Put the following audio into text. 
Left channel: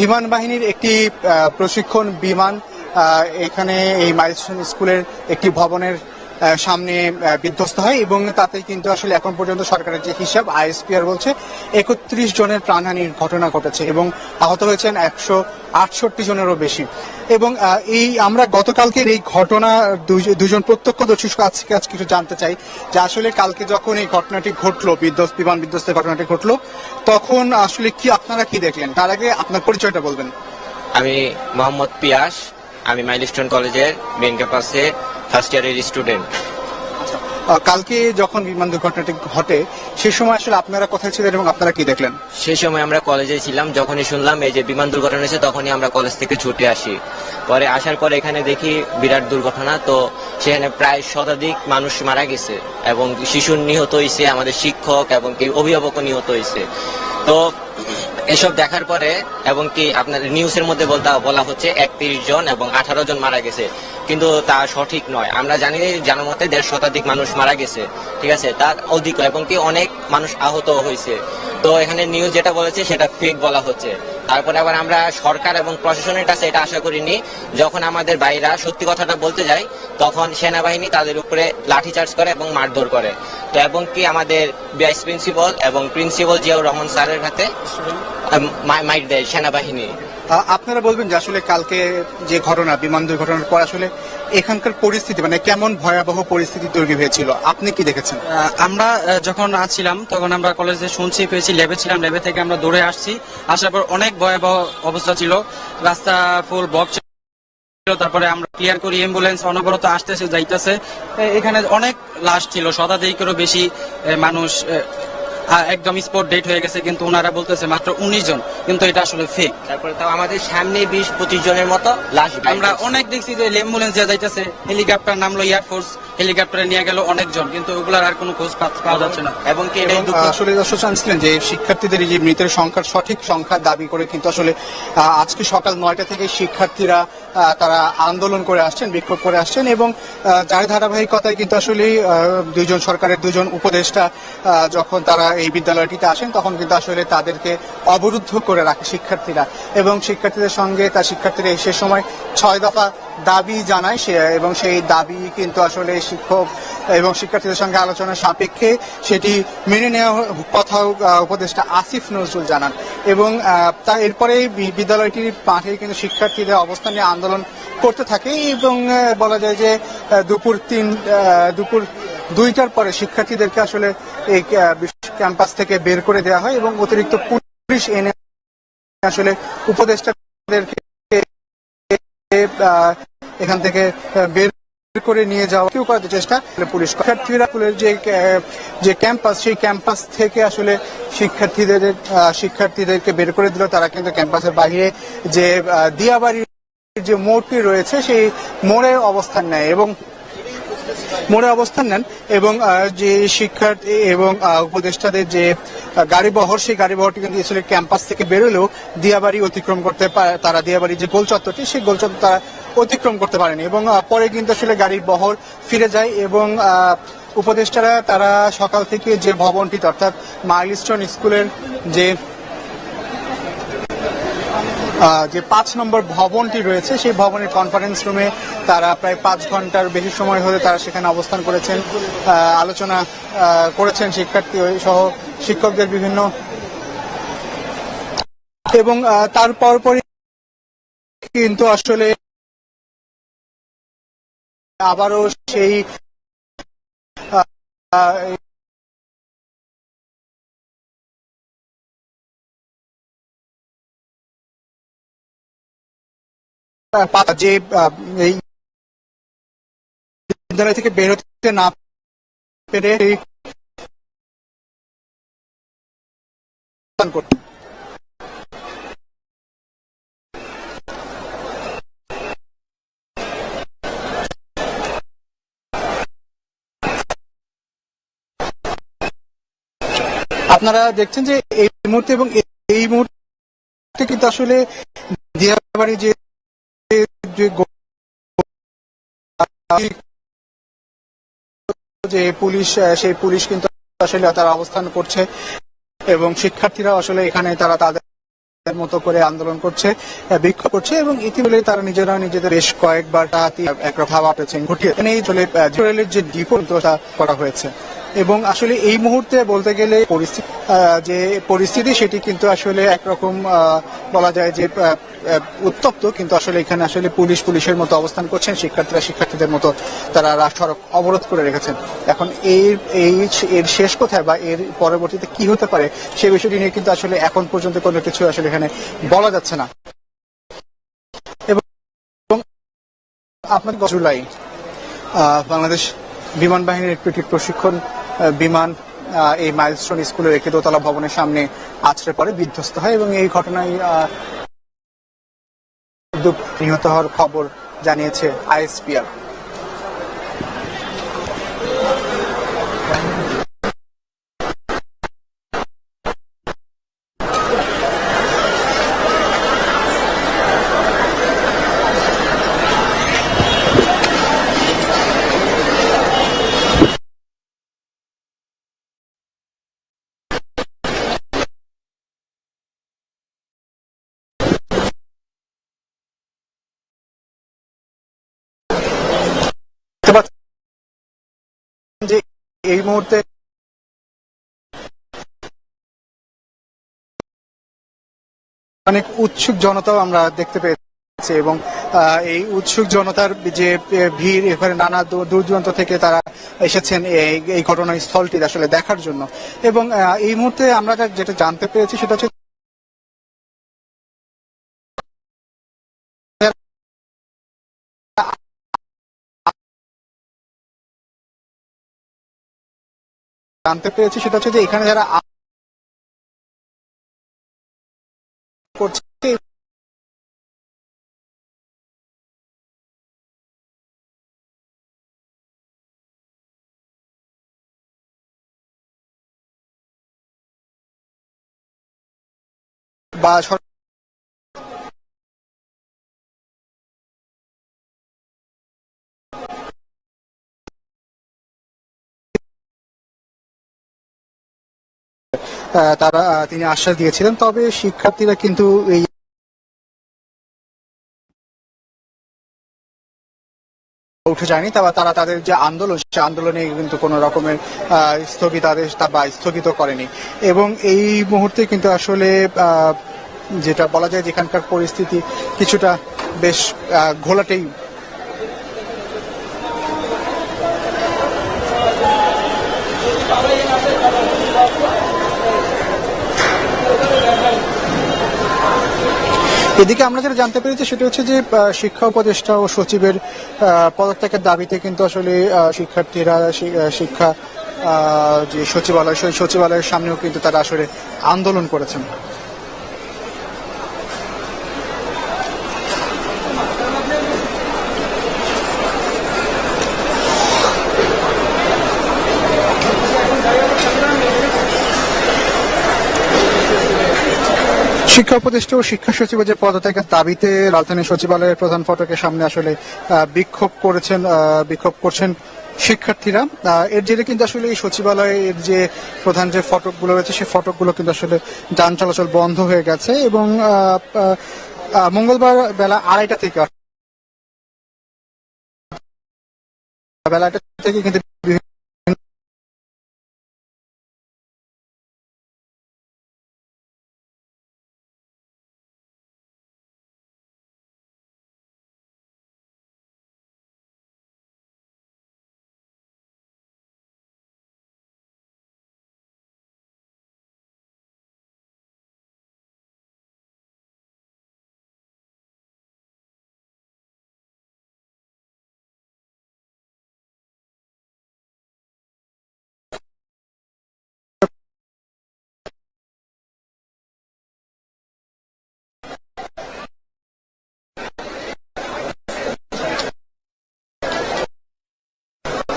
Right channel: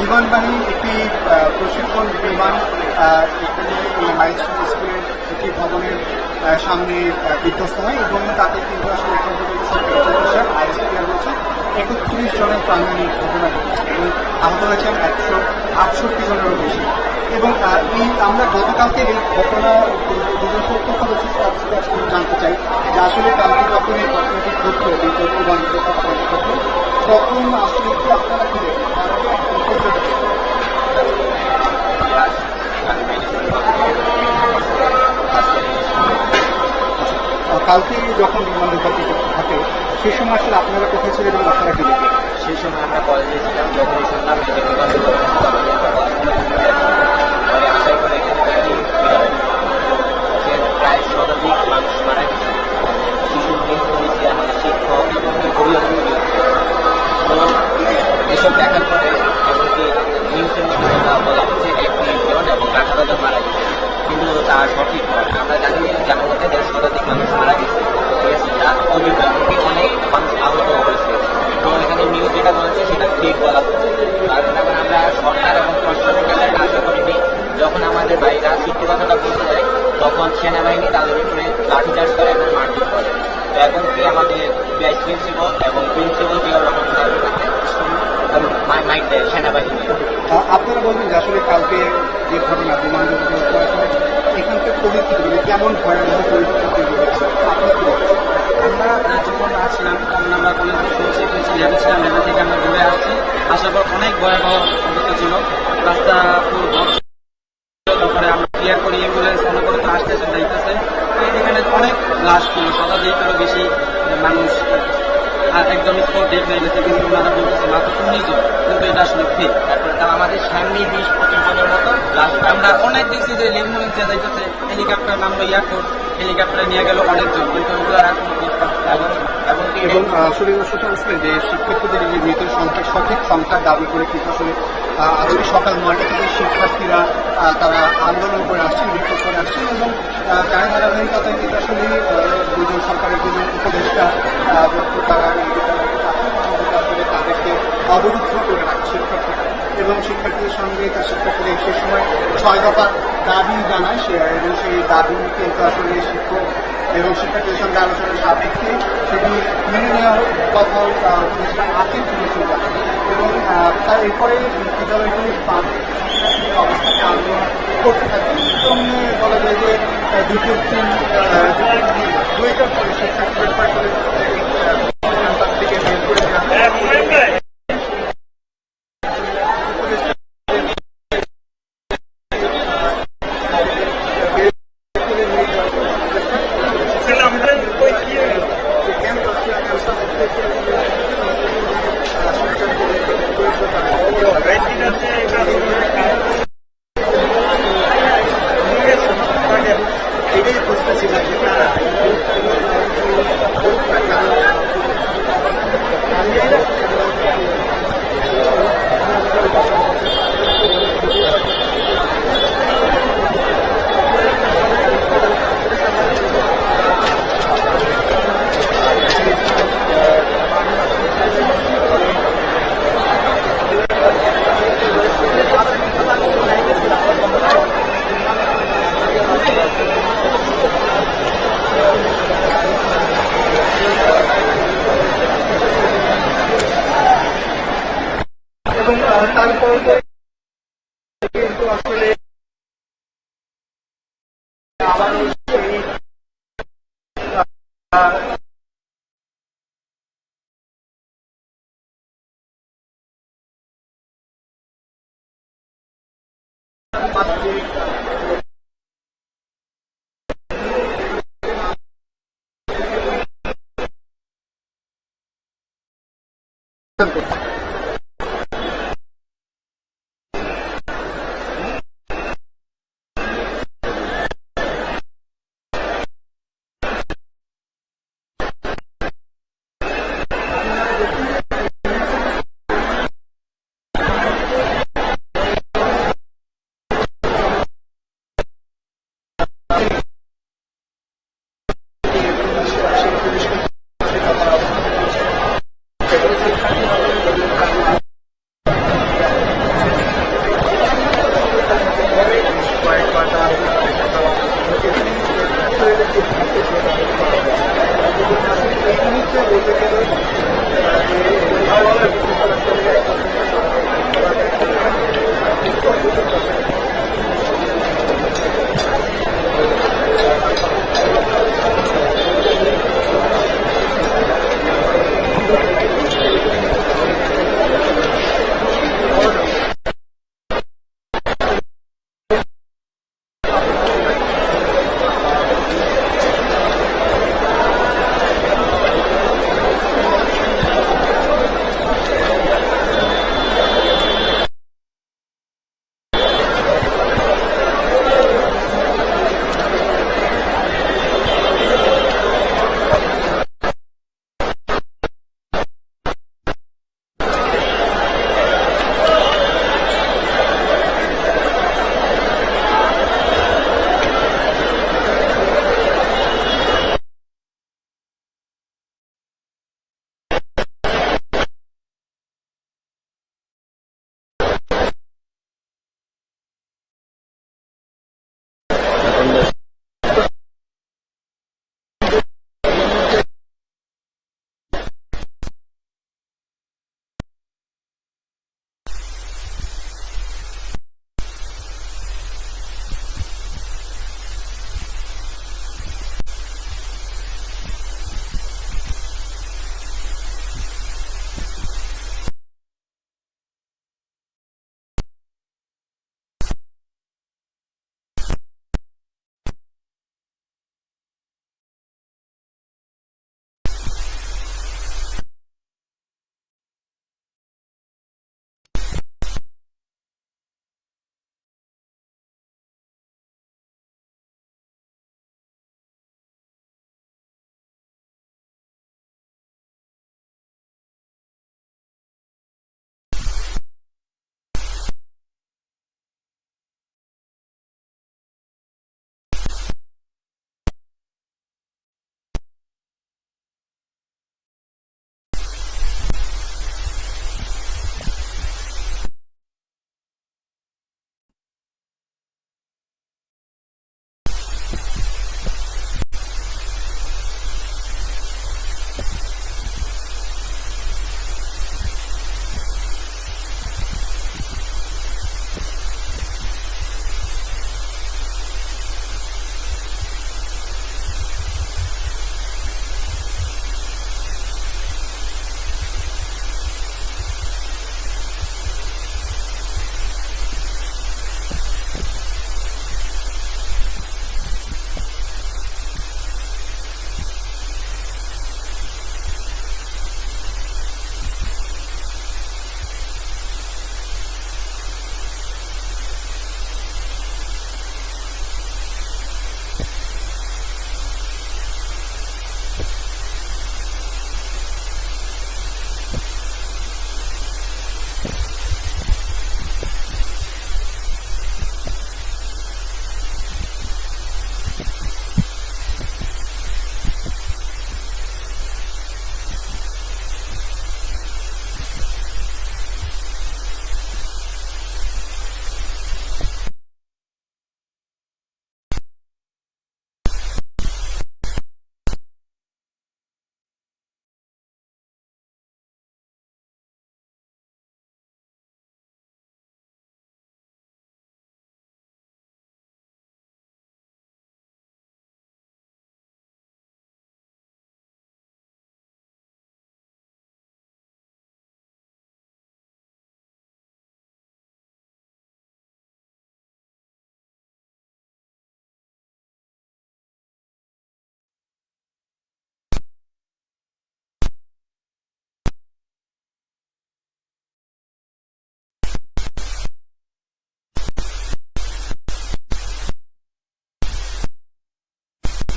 বিমান বাহিনীর একটি প্রশিক্ষণ বিমান এখানে এই মাইলস্টোন স্কুলের একটি ভবনের সামনে বিধ্বস্ত হয় এবং তাতে কিন্তু আসলে এখন পর্যন্ত সরকারের চিকিৎসা আইএসপিআর বলছে, একত্রিশ জনের প্রাণহানির ঘটনা ঘটেছে এবং আহত হয়েছেন একশো আটষট্টি জনেরও বেশি। এবং এই আমরা গতকালকের এই ঘটনা দুজ- দুজন প্রত্যক্ষদর্শী আজকে আজকে কিছু জানতে চাই যে আসলে কালকে যখন এই ঘটনাটি ঘটলো, বিধ্বস্ত, বিমান বিধ্বস্ত ঘটনাটি ঘটলো, তখন আসলে কি আপনারা কি দেখলেন? তার আগে আপনার পরিচয়টা বলবেন আমি মোহাম্মদ পিয়াস, আমি মাইলস্টোন কলেজের মেন ক্যাম্পাসের ফার্স্ট ইয়ারের স্টুডেন্ট কালকে যখন বিমান দুর্ঘটনাটি ঘটে, সে সময় আসলে আপনারা কোথায় ছিলেন এবং আপনারা কি দেখলেন? সেই সময় আমরা কলেজে ছিলাম, যখনই শুনলাম এই যে বিমান দুর্ঘটনা হয়েছে, তখনই আমরা কলেজ থেকে ছুটে আসি। পরে আসার পর এখানে দেখি বিরাট দুর্ঘটনা, তো সেখানে প্রায় শতাধিক মানুষ মারা গেছে এবং শিশু নিহত হয়েছে, আমাদের শিক্ষক এবং অভিভাবক নিহত হয়েছে। তো এসব দেখার পরে এবং কি আপনাদের নিউজের মধ্যে বলা হচ্ছে, একত্রিশ জন এবং আঠারো জন মারা গেছে। কিন্তু তা সঠিক নয়। আমরা জানি জানার মধ্যে দেড় শতাধিক মানুষ মারা গেছে, ঠিক আছে? তার অধিক এমনকি অনেক মানুষ আহত হয়েছে। তো এখানে নিউজ যেটা বলেছে সেটা ফেক বলা হচ্ছে। তারপরে আবার আমরা সরকার এবং প্রশাসনের কাছে এটা আশা করিনি। যখন আমাদের ভাইরা সত্যি কথাটা বলতে যায়, তখন সেনাবাহিনী তাদের উপরে লাঠিচার্জ করে এবং মারধর করে। তো এবং কি আমাদের ভাইস প্রিন্সিপাল এবং প্রিন্সিপাল জিয়াউর রহমান স্যারের হাতে মাইক দেয় সেনাবাহিনী। আপনারা বলবেন যে আসলে কালকে যে ঘটনা, বিমান দুর্ঘটনার পর আসলে এখানকার পরিস্থিতি মানে কেমন ভয়াবহ পরিস্থিতি তৈরি হয়েছিল? আপনি কি দেখেছেন? আমরা যখন ছিলাম তখন আমরা কলেজে শুনছি, পেয়েছি, ল্যাবে ছিলাম, ল্যাবে থেকে আমরা দৌড়ে আসছি। আসার পর অনেক ভয়াবহ অবস্থা ছিল। রাস্তা ফুল বক তারপরে আমরা ক্লিয়ার করি, অ্যাম্বুলেন্স অনবরত আসতেছে, যাইতেছে। এখানে অনেক লাশ ছিল, শতাধিকেরও বেশি মানুষ একদম স্পট ডেট হয়ে গেছে, কিন্তু ওনারা বলতেছে মাত্র উনিশ জন, কিন্তু এটা আসলে ফেক আমাদের সামনে বিশ পঁচিশ জনের মতো। লাশ আমরা অনেক দেখছি যে অ্যাম্বুলেন্স যা যাইতেছে হেলিকপ্টার নামলো এয়ারফোর্স হেলিকপ্টারে নিয়ে গেল অনেকজন কিন্তু ওগুলার আর কোনো খোঁজ পাওয়া যাচ্ছে না। এবং কি আসলে দর্শক জানছিলেন যে শিক্ষার্থীদের এই যে মৃতের সংখ্যা সঠিক সংখ্যা দাবি করে কিন্তু আসলে আজকে সকাল নয়টা থেকে শিক্ষার্থীরা তারা আন্দোলন করে আসছেন, বিক্ষোভ করে আসছেন এবং তার ধারাবাহিকতায় কিন্তু আসলে দুজন সরকারের দুজন উপদেষ্টা যখন তারা এই বিদ্যালয়টিতে আসেন, তখন কিন্তু আসলে তাদেরকে অবরুদ্ধ করে রাখে শিক্ষার্থীরা এবং শিক্ষার্থীদের সঙ্গে তার শিক্ষার্থীরা সে সময় ছয় দফা দাবি জানায় সে এবং সেই দাবি কিন্তু আসলে শিক্ষক এবং শিক্ষার্থীদের সঙ্গে আলোচনার সাপেক্ষে সেটি মেনে নেওয়ার কথাও উপদেষ্টা আসিফ নজরুল জানান এবং তা এরপরে বিদ্যালয়টির মাঠে কিন্তু শিক্ষার্থীরা অবস্থান আন্দোলন করতে থাকে। এবং বলা যায় যে দুপুর তিন দুপুর দুইটার পরে শিক্ষার্থীদেরকে আসলে এই ক্যাম্পাস থেকে বের করে দেওয়া হয় এবং অতিরিক্ত পুলিশ এনে আসলে উপদেষ্টাদেরকে এখান থেকে বের করে নিয়ে যাওয়া কেউ করার চেষ্টা পুলিশ যে যে ক্যাম্পাস, সেই ক্যাম্পাস থেকে আসলে শিক্ষার্থীদের শিক্ষার্থীদেরকে বের করে দিল। তারা কিন্তু ক্যাম্পাসের বাইরে যে দিয়াবাড়ি রয়েছে সেই মোড়ের অবস্থান নেয় এবং মোড়ে অবস্থান নেন এবং যে শিক্ষার্থী এবং উপদেষ্টাদের যে গাড়িবহর, সেই গাড়িবহরটি দিয়েছিল ক্যাম্পাস থেকে বেরোলেও দিয়াবাড়ি অতিক্রম করতে পারে, তারা দিয়াবাড়ি যে গোল চত্বরটি সেই গোল চত্বর তারা অতিক্রম করতে পারেনি এবং পরে কিন্তু আসলে গাড়ি বহর ফিরে যায় এবং উপদেষ্টারা তারা সকাল থেকে যে ভবনটি, অর্থাৎ মাইলস্টোন স্কুলের যে যে পাঁচ নম্বর ভবনটি রয়েছে সেই ভবনে কনফারেন্স রুমে তারা প্রায় পাঁচ ঘণ্টার বেশি সময় ধরে তারা সেখানে অবস্থান করেছেন আলোচনা করেছেন শিক্ষার্থী সহ শিক্ষকদের বিভিন্ন। এবং আহ, তারপর পরই কিন্তু আসলে আবারও যে বিদ্যালয় থেকে বেরোতে না পেরে আপনারা দেখছেন যে এই মুহূর্তে এবং এই মুহূর্তে কিন্তু আসলে দিয়াবাড়ি যে যে যে পুলিশ সেই পুলিশ কিন্তু আসলে তারা অবস্থান করছে এবং শিক্ষার্থীরা আসলে এখানে তারা তাদের করে আন্দোলন করছে বিক্ষোভ করছে এবং ইতিমধ্যে তারা নিজেরা নিজেদের বেশ কয়েকবার তার একটা ধাওয়া পেয়েছেন ঘটিয়ে এখানেই রেলের যে ডিপো করা হয়েছে। এবং আসলে এই মুহূর্তে বলতে গেলে পরিস্থিতি যে পরিস্থিতি সেটি কিন্তু আসলে একরকম বলা যায় যে উত্তপ্ত, কিন্তু আসলে এখানে আসলে পুলিশ পুলিশের মতো অবস্থান করছেন, শিক্ষার্থীরা শিক্ষার্থীদের মতো তারা রাস্তা অবরোধ করে রেখেছেন। এখন এই এই এর শেষ কোথায় বা এর পরবর্তীতে কি হতে পারে সেই বিষয়টি নিয়ে কিন্তু আসলে এখন পর্যন্ত কোনো কিছু আসলে এখানে বলা যাচ্ছে না। জুলাই বাংলাদেশ বিমান বাহিনীর প্রশিক্ষণ বিমান এই মাইলস্টোন স্কুলের দোতলা ভবনের সামনে আছড়ে পড়ে বিধ্বস্ত হয়। এবং এই ঘটনায় অনেক উৎসুক জনতাও আমরা দেখতে পেয়েছি এবং এই উৎসুক জনতার যে ভিড়, এখানে নানা দূর দূর দূরান্ত থেকে তারা এসেছেন এই ঘটনাস্থলটি আসলে দেখার জন্য। এবং এই মুহূর্তে আমরা যেটা জানতে পেরেছি সেটা হচ্ছে জানতে পেরেছি সেটা হচ্ছে যে এখানে যারা বা তারা তিনি আশ্বাস দিয়েছিলেন, তবে শিক্ষার্থীরা কিন্তু এই উঠে যায়নি। তবে তারা তাদের যে আন্দোলন, সে আন্দোলনে কিন্তু কোনো রকমের স্থগিতাদেশ বা স্থগিত করেনি। এবং এই মুহূর্তে কিন্তু আসলে যেটা বলা যায় যেখানকার পরিস্থিতি কিছুটা বেশ ঘোলাটেই। এদিকে আমরা যেটা জানতে পেরেছি সেটা হচ্ছে যে শিক্ষা উপদেষ্টা ও সচিবের পদত্যাগের দাবিতে কিন্তু আসলে শিক্ষার্থীরা শিক্ষা যে সচিবালয়, সেই সচিবালয়ের সামনেও কিন্তু তারা আসলে আন্দোলন করেছেন। শিক্ষা উপদেষ্টা ও শিক্ষা সচিবের যে পদত্যাগের দাবিতে রাজধানী সচিবালয়ের প্রধান ফটকের সামনে আসলে বিক্ষোভ করেছেন বিক্ষোভ করছেন শিক্ষার্থীরা। এর জেরে কিন্তু আসলে এই সচিবালয়ের যে প্রধান যে ফটকগুলো রয়েছে, সেই ফটকগুলো কিন্তু আসলে যান চলাচল বন্ধ হয়ে গেছে এবং মঙ্গলবার বেলা আড়াইটা থেকে বেলা আড়াইটা থেকে কিন্তু